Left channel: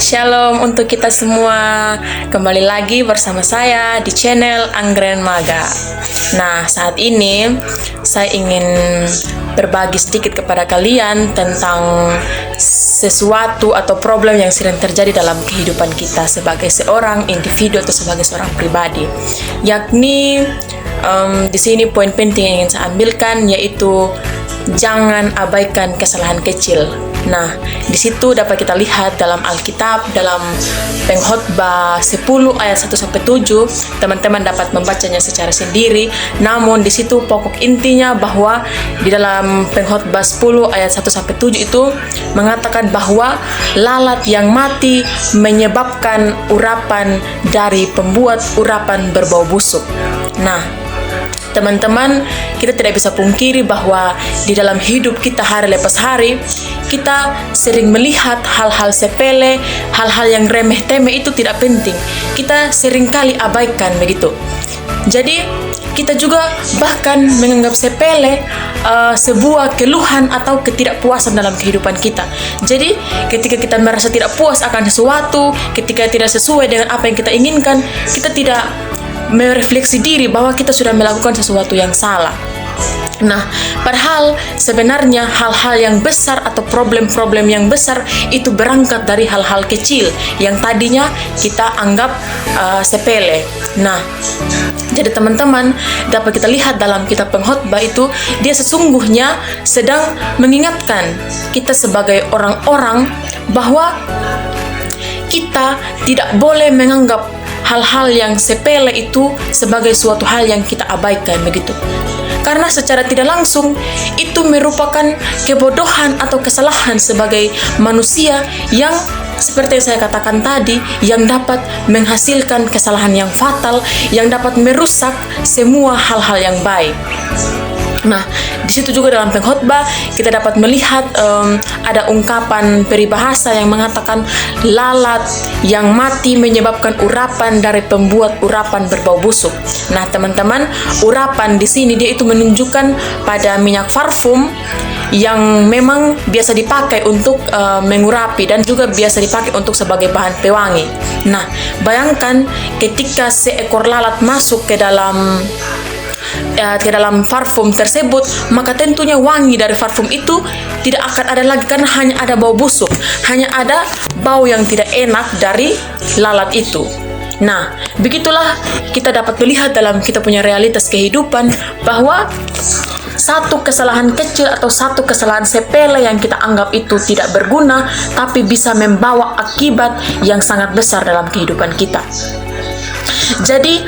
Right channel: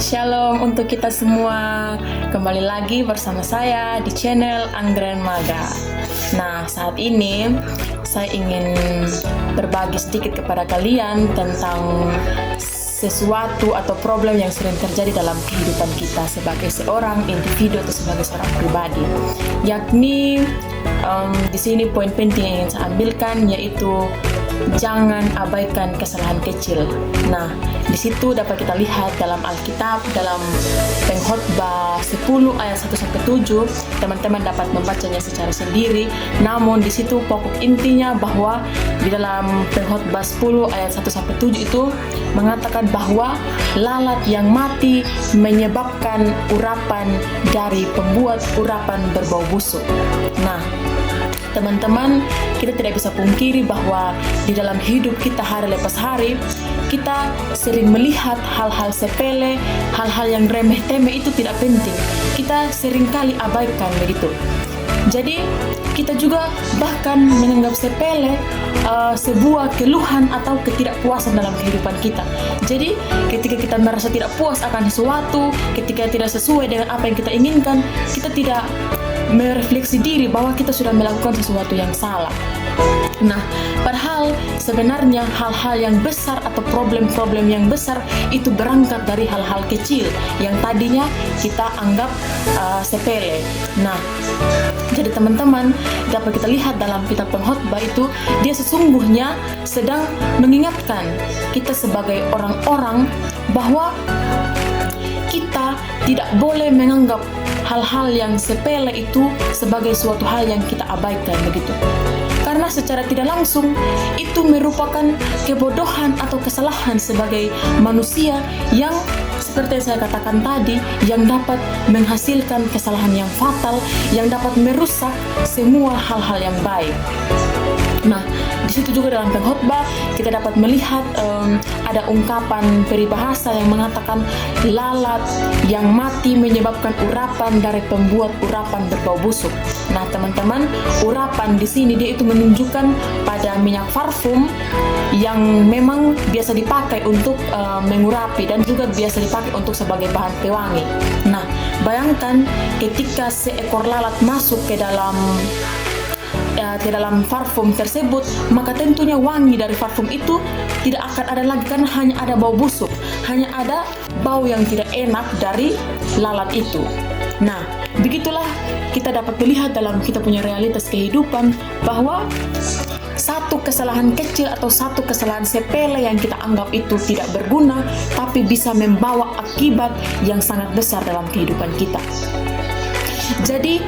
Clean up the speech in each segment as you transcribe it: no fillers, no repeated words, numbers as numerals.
Shalom untuk kita semua. Kembali lagi bersama saya di channel Anggren Maga. Nah, saat ini saya ingin berbagi sedikit kepada kalian tentang sesuatu atau problem yang sering terjadi dalam kehidupan kita sebagai seorang individu atau sebagai seorang pribadi. Yakni di sini poin penting yang ingin saya ambilkan yaitu jangan abaikan kesalahan kecil. Nah, di situ dapat kita lihat dalam Alkitab, dalam Pengkhotbah 10 ayat 1-7, teman-teman dapat membacanya secara sendiri. Namun di situ pokok intinya bahwa di dalam Pengkhotbah 10 ayat 1-7 itu mengatakan bahwa lalat yang mati menyebabkan urapan dari pembuat urapan berbau busuk. Nah, teman-teman, kita tidak bisa pungkiri bahwa di dalam hidup kita hari lepas hari, kita sering melihat hal-hal sepele, hal-hal yang remeh-temeh itu tidak penting. Kita seringkali abaikan begitu. Jadi, kita juga bahkan menganggap sepele sebuah keluhan atau ketidakpuasan dalam kehidupan kita. Jadi, ketika kita merasa tidak puas akan sesuatu, ketika tidak sesuai dengan apa yang kita inginkan, kita tidak merefleksi diri bahwa kita sudah melakukan sesuatu yang salah. Nah, padahal sebenarnya hal-hal yang besar atau problem-problem yang besar itu berangkat dari hal-hal kecil yang tadinya kita anggap sepele. Nah, jadi teman-teman dapat kita lihat dalam kitab Pengkhotbah itu, dia sesungguhnya sedang mengingatkan kita sebagai orang-orang bahwa kita tidak boleh menganggap hal-hal yang sepele itu sebagai suatu hal yang kita abaikan begitu. Karena secara tidak langsung itu merupakan kebodohan atau kesalahan sebagai manusia yang seperti yang saya katakan tadi, yang dapat menghasilkan kesalahan yang fatal, yang dapat merusak semua hal-hal yang baik. Nah, di situ juga dalam Pengkhotbah kita dapat melihat ada ungkapan peribahasa yang mengatakan lalat yang mati menyebabkan urapan dari pembuat urapan berbau busuk. Nah, teman-teman, urapan di sini dia itu menunjukkan pada minyak parfum yang memang biasa dipakai untuk mengurapi dan juga biasa dipakai untuk sebagai bahan pewangi. Nah, bayangkan ketika seekor lalat masuk ke dalam parfum tersebut, maka tentunya wangi dari parfum itu tidak akan ada lagi karena hanya ada bau busuk, hanya ada bau yang tidak enak dari lalat itu. Nah, begitulah kita dapat melihat dalam kita punya realitas kehidupan bahwa satu kesalahan kecil atau satu kesalahan sepele yang kita anggap itu tidak berguna, tapi bisa membawa akibat yang sangat besar dalam kehidupan kita. Jadi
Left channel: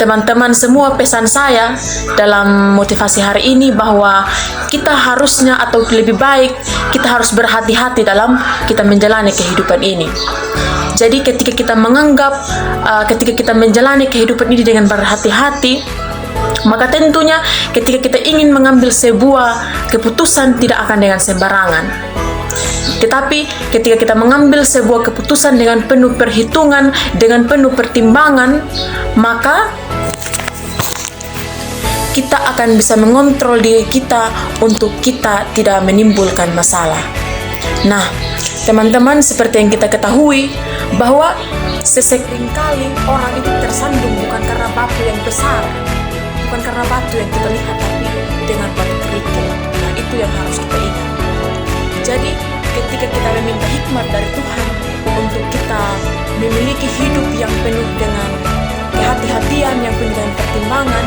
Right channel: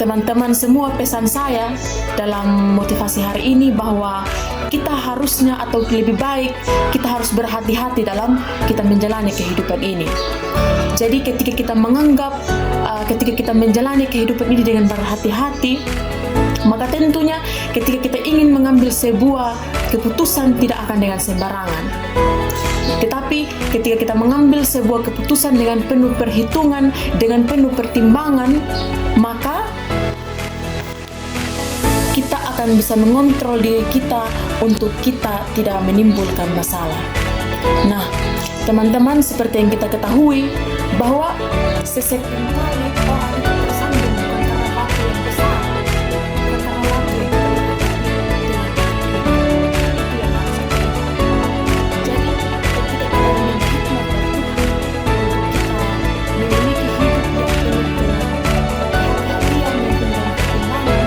teman-teman semua, pesan saya dalam motivasi hari ini bahwa kita harusnya atau lebih baik kita harus berhati-hati dalam kita menjalani kehidupan ini. Jadi ketika kita menganggap ketika kita menjalani kehidupan ini dengan berhati-hati, maka tentunya ketika kita ingin mengambil sebuah keputusan tidak akan dengan sembarangan. Tetapi ketika kita mengambil sebuah keputusan dengan penuh perhitungan, dengan penuh pertimbangan, maka kita akan bisa mengontrol diri kita untuk kita tidak menimbulkan masalah. Nah, teman-teman, seperti yang kita ketahui bahwa sesekali orang itu tersandung bukan karena batu yang besar, bukan karena batu yang kita lihat, tapi dengan batu kerikil. Nah, itu yang harus kita ingat. Jadi ketika kita meminta hikmat dari Tuhan untuk kita memiliki hidup yang penuh dengan kehati-hatian, yang penuh dengan pertimbangan,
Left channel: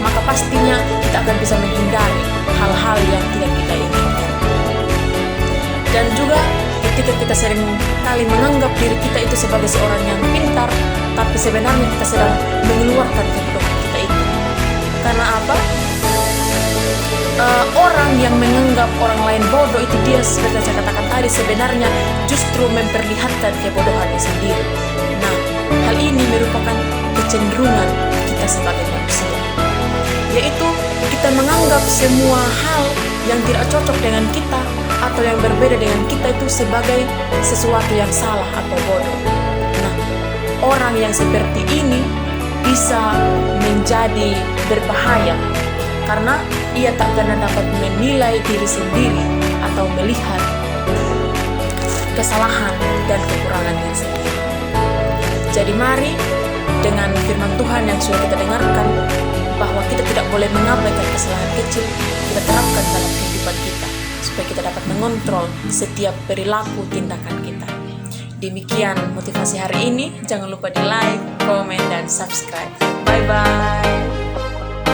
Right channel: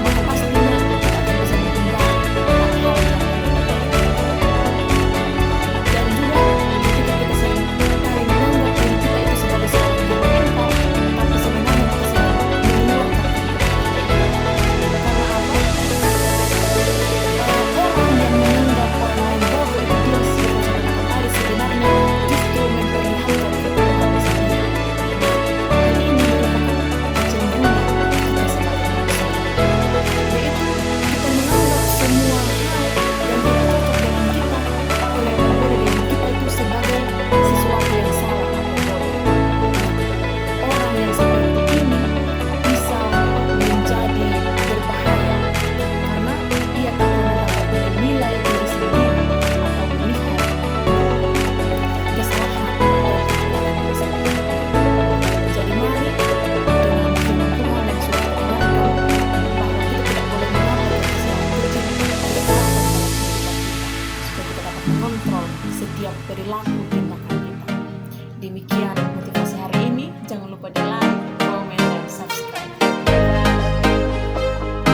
maka pastinya kita akan bisa menghindari hal-hal yang tidak kita inginkan. Dan juga ketika kita sering kali menganggap diri kita itu sebagai seorang yang pintar, tapi sebenarnya kita sedang mengeluarkan kehidupan kita itu. Karena apa? Orang yang menganggap orang lain bodoh itu dia, seperti saya katakan tadi, sebenarnya justru memperlihatkan kebodohannya sendiri. Nah, hal ini merupakan kecenderungan kita sebagai manusia, yaitu kita menganggap semua hal yang tidak cocok dengan kita atau yang berbeda dengan kita itu sebagai sesuatu yang salah atau bodoh. Nah, orang yang seperti ini bisa menjadi berbahaya karena ia tak akan dapat menilai diri sendiri atau melihat kesalahan dan kita dapat mengontrol setiap perilaku tindakan kita. Demikian motivasi hari ini. Jangan lupa di like, komen, dan subscribe. Bye-bye.